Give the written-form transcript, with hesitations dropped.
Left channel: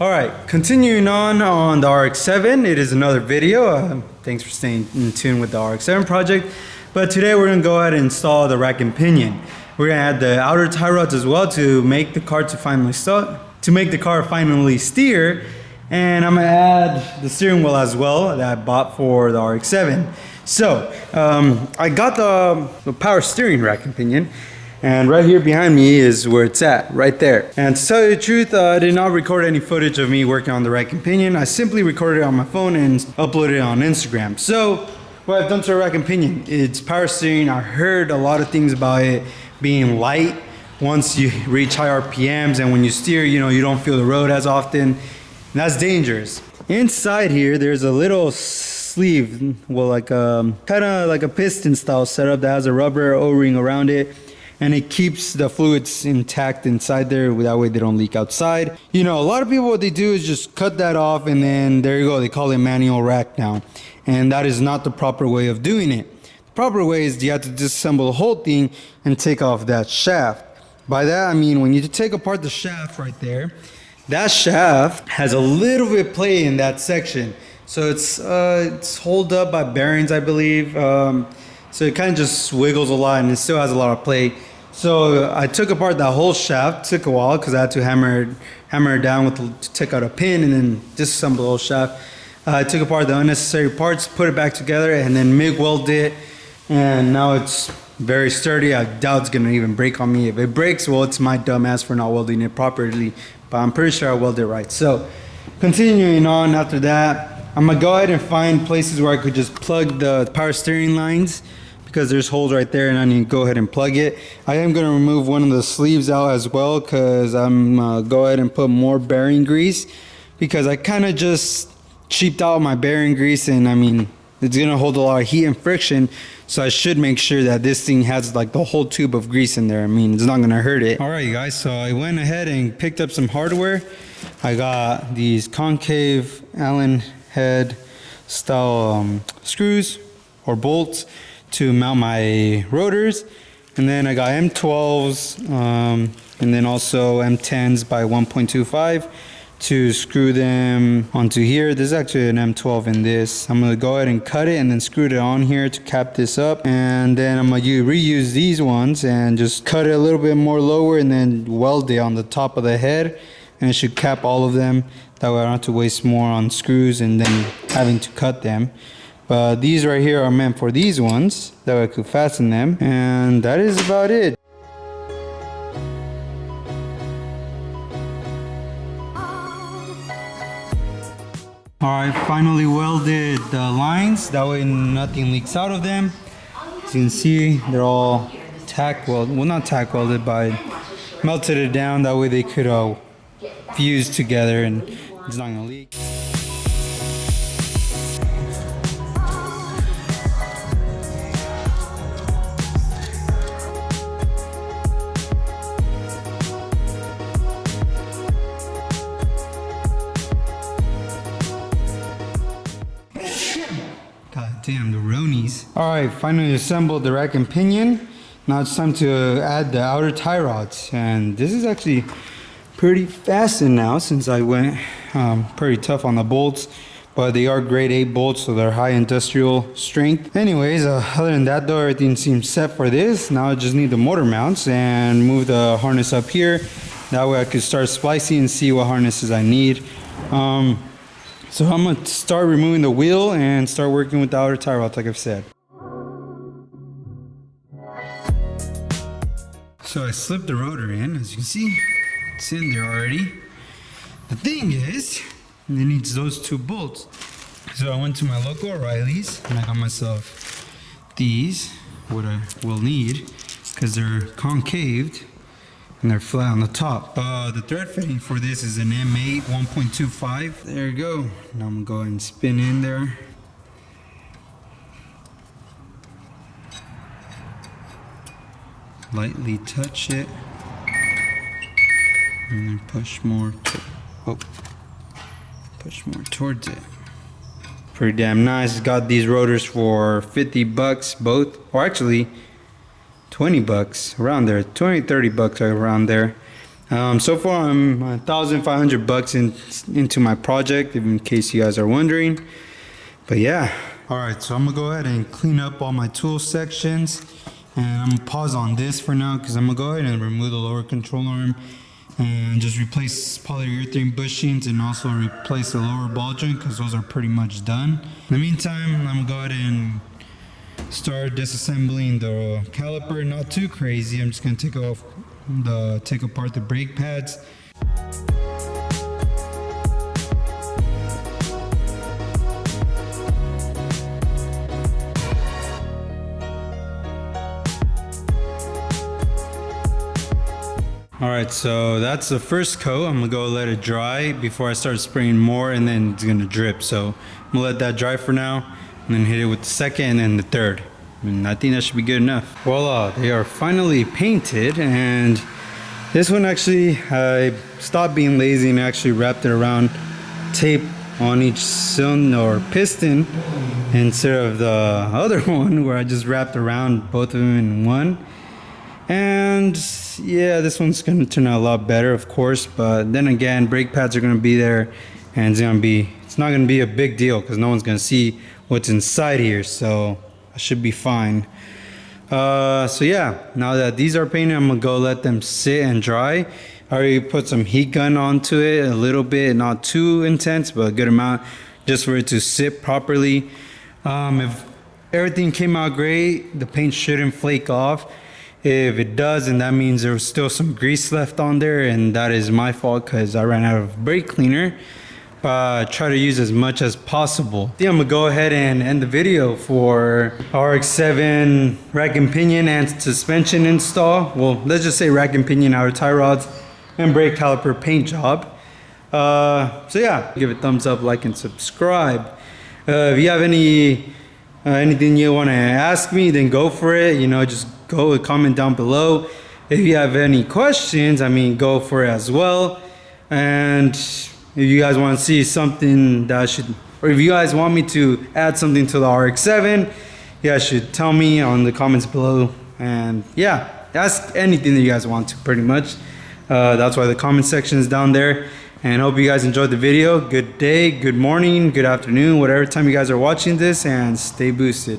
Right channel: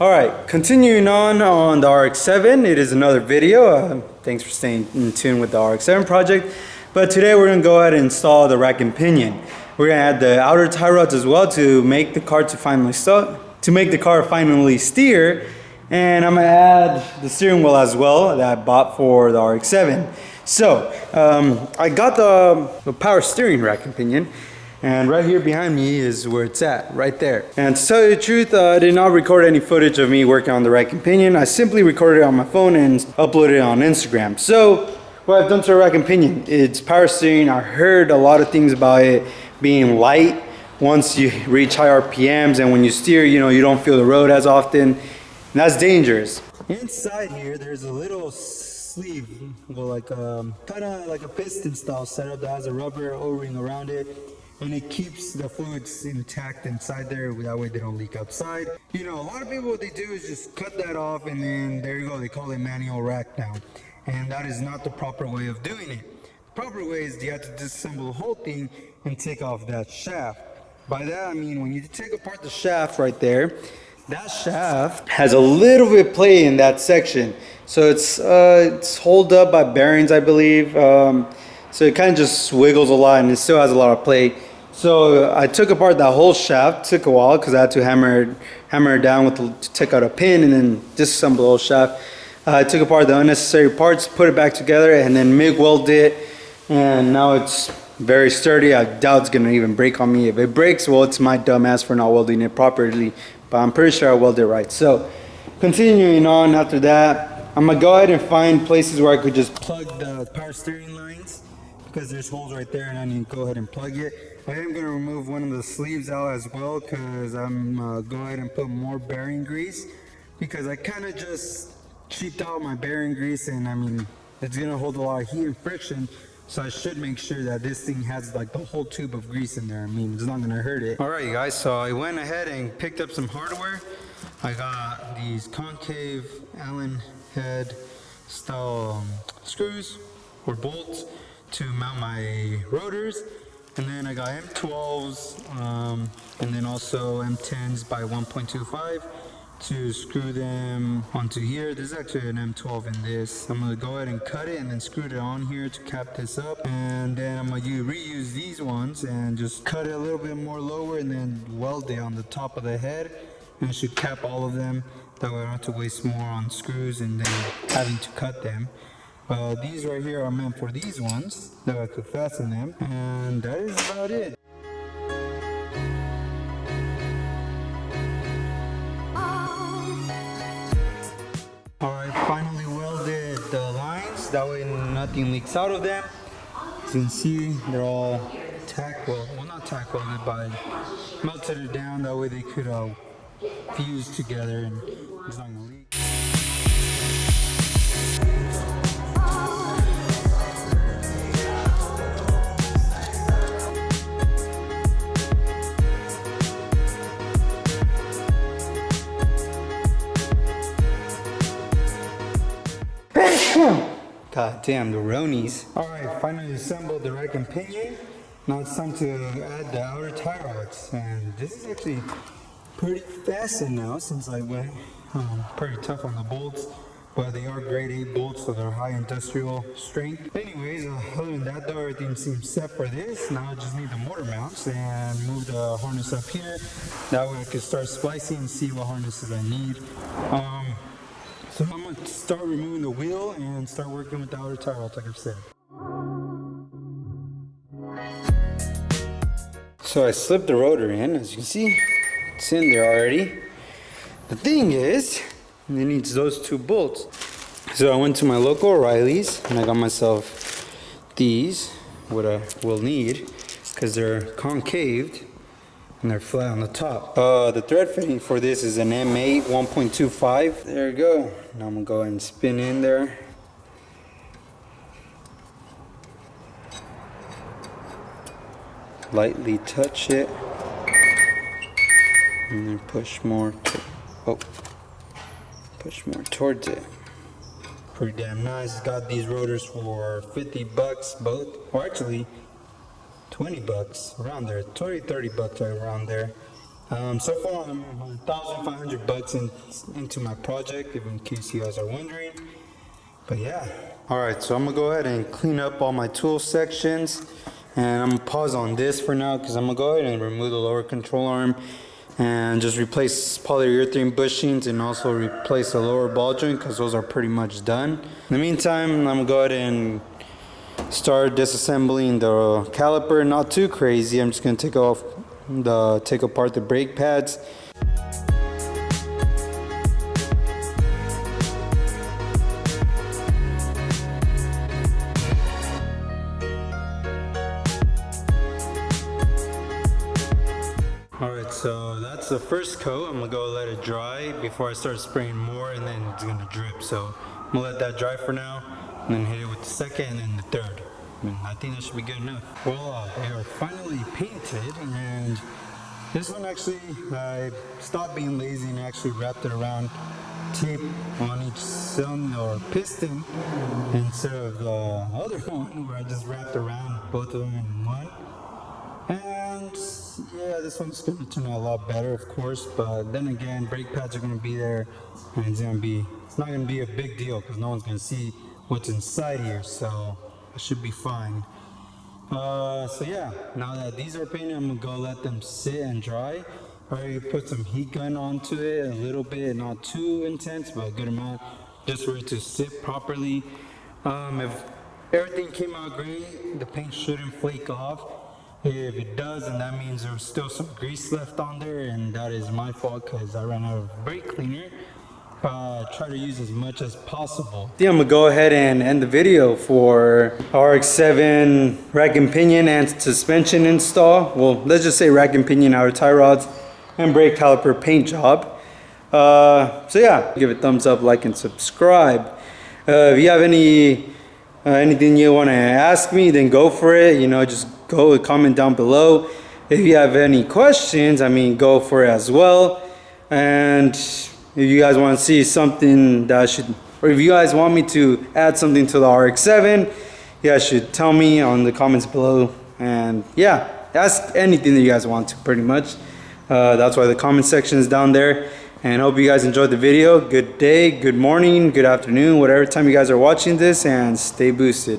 All right, continuing on the RX7, it is another video. Thanks for staying in tune with the RX7 project. But today we're gonna go ahead and install the rack and pinion. We're gonna add the outer tie rods as well to make the car finally steer. And I'm gonna add the steering wheel as well that I bought for the RX7. So I got the power steering rack and pinion. And right here behind me is where it's at, right there. And to tell you the truth, I did not record any footage of me working on the rack and pinion. I simply recorded it on my phone and uploaded it on Instagram. So what I've done to the rack and pinion, it's power steering. I heard a lot of things about it being light once you reach high RPMs, and when you steer, you don't feel the road as often. And that's dangerous. Inside here, there's a little sleeve, well, like kind of like a piston style setup that has a rubber O-ring around it. And it keeps the fluids intact inside there, that way they don't leak outside. A lot of people, what they do is just cut that off, and then there you go, they call it manual rack now. And that is not the proper way of doing it. The proper way is you have to disassemble the whole thing and take off that shaft. By that I mean, when you take apart the shaft right there, that shaft has a little bit of play in that section. So it's held up by bearings, I believe. So it kind of just wiggles a lot, and it still has a lot of play. So I took apart that whole shaft. Took a while because I had to hammer it down to take out a pin and then disassemble the whole shaft. I took apart the unnecessary parts, put it back together, and then MIG welded it. And now it's very sturdy. I doubt it's gonna even break on me. If it breaks, well, it's my dumb ass for not welding it properly. But I'm pretty sure I welded it right. So continuing on after that, I'm gonna go ahead and find places where I could just plug the power steering lines, because there's holes right there and I need to go ahead and plug it. I am going to remove one of the sleeves out as well, because I'm go ahead and put more bearing grease, because I kind of just cheaped out my bearing grease, and I mean, it's going to hold a lot of heat and friction, so I should make sure that this thing has like the whole tube of grease in there. I mean, it's not going to hurt it. All right, you guys, so I went ahead and picked up some hardware. I got these concave Allen head style screws or bolts to mount my rotors, and then I got M12s and then also M10s by 1.25 to screw them onto here. There's actually an M12 in this. I'm gonna go ahead and cut it and then screw it on here to cap this up, and then I'm gonna reuse these ones and just cut it a little bit more lower and then weld it on the top of the head, and it should cap all of them. That way I don't have to waste more on screws and then having to cut them. But these right here are meant for these ones, that way I could fasten them, and that is about it. Alright, finally welded the lines, that way nothing leaks out of them. As you can see, they're all tack welded, well, not tack welded, but I melted it down, that way they could fuse together and it's not gonna leak. God damn, the Ronies. Alright, finally assembled the rack and pinion. Now it's time to add the outer tie rods. And this is actually pretty fastened now, since I went pretty tough on the bolts. But they are grade A bolts, so they're high industrial strength. Anyways, other than that though, everything seems set for this. Now I just need the motor mounts and move the harness up here. That way I could start splicing and see what harnesses I need. So I'm gonna start removing the wheel and start working with the outer tie rods, like I've said. So I slipped the rotor in, as you can see, it's in there already. The thing is, it needs those two bolts. So I went to my local O'Reilly's and I got myself these, what I will need, because they're concaved and they're flat on the top. The thread fitting for this is an M8 1.25. There you go. Now I'm gonna go ahead and spin in there. Lightly touch it. And then push more towards it. Pretty damn nice. Got these rotors for 50 bucks both, or actually 20 bucks around there, 20, 30 bucks around there. So far I'm $1,500 into my project, in case you guys are wondering. But yeah, all right, so I'm gonna go ahead and clean up all my tool sections, and I'm gonna pause on this for now because I'm gonna go ahead and remove the lower control arm and just replace polyurethane bushings and also replace the lower ball joint because those are pretty much done. In the meantime, I'm gonna go ahead and start disassembling the caliper. Not too crazy. I'm just gonna take apart the brake pads. Alright, so that's the first coat. I'm gonna go let it dry before I start spraying more, and then it's gonna drip. So I'm gonna let that dry for now, and then hit it with the second and then the third. And I think that should be good enough. Voila, they are finally painted, and this one actually, I stopped being lazy and actually wrapped it around tape on each cylinder or piston instead of the other one where I just wrapped around both of them in one. And yeah, this one's gonna turn out a lot better, of course, but then again, brake pads are gonna be there, and it's not gonna be a big deal because no one's gonna see what's inside here, so I should be fine. So yeah, now that these are painted, I'm gonna go let them sit and dry. I already put some heat gun onto it a little bit, not too intense, but a good amount, just for it to sit properly. If everything came out great, the paint shouldn't flake off. If it does, and that means there was still some grease left on there, and that is my fault because I ran out of brake cleaner. Try to use as much as possible. I think I'm gonna go ahead and end the video for RX7 rack and pinion and suspension install. Well, let's just say rack and pinion, outer tie rods, and brake caliper paint job. So yeah, give it a thumbs up, like, and subscribe. If you have anything you want to ask me, then go for it. Just go and comment down below. If you have any questions, go for it as well. And if you guys want to see something or if you guys want me to add something to the RX7, you guys should tell me on the comments below. And yeah, ask anything that you guys want to, pretty much. That's why the comment section is down there. And hope you guys enjoyed the video. Good day, good morning, good afternoon, whatever time you guys are watching this, and stay boosted.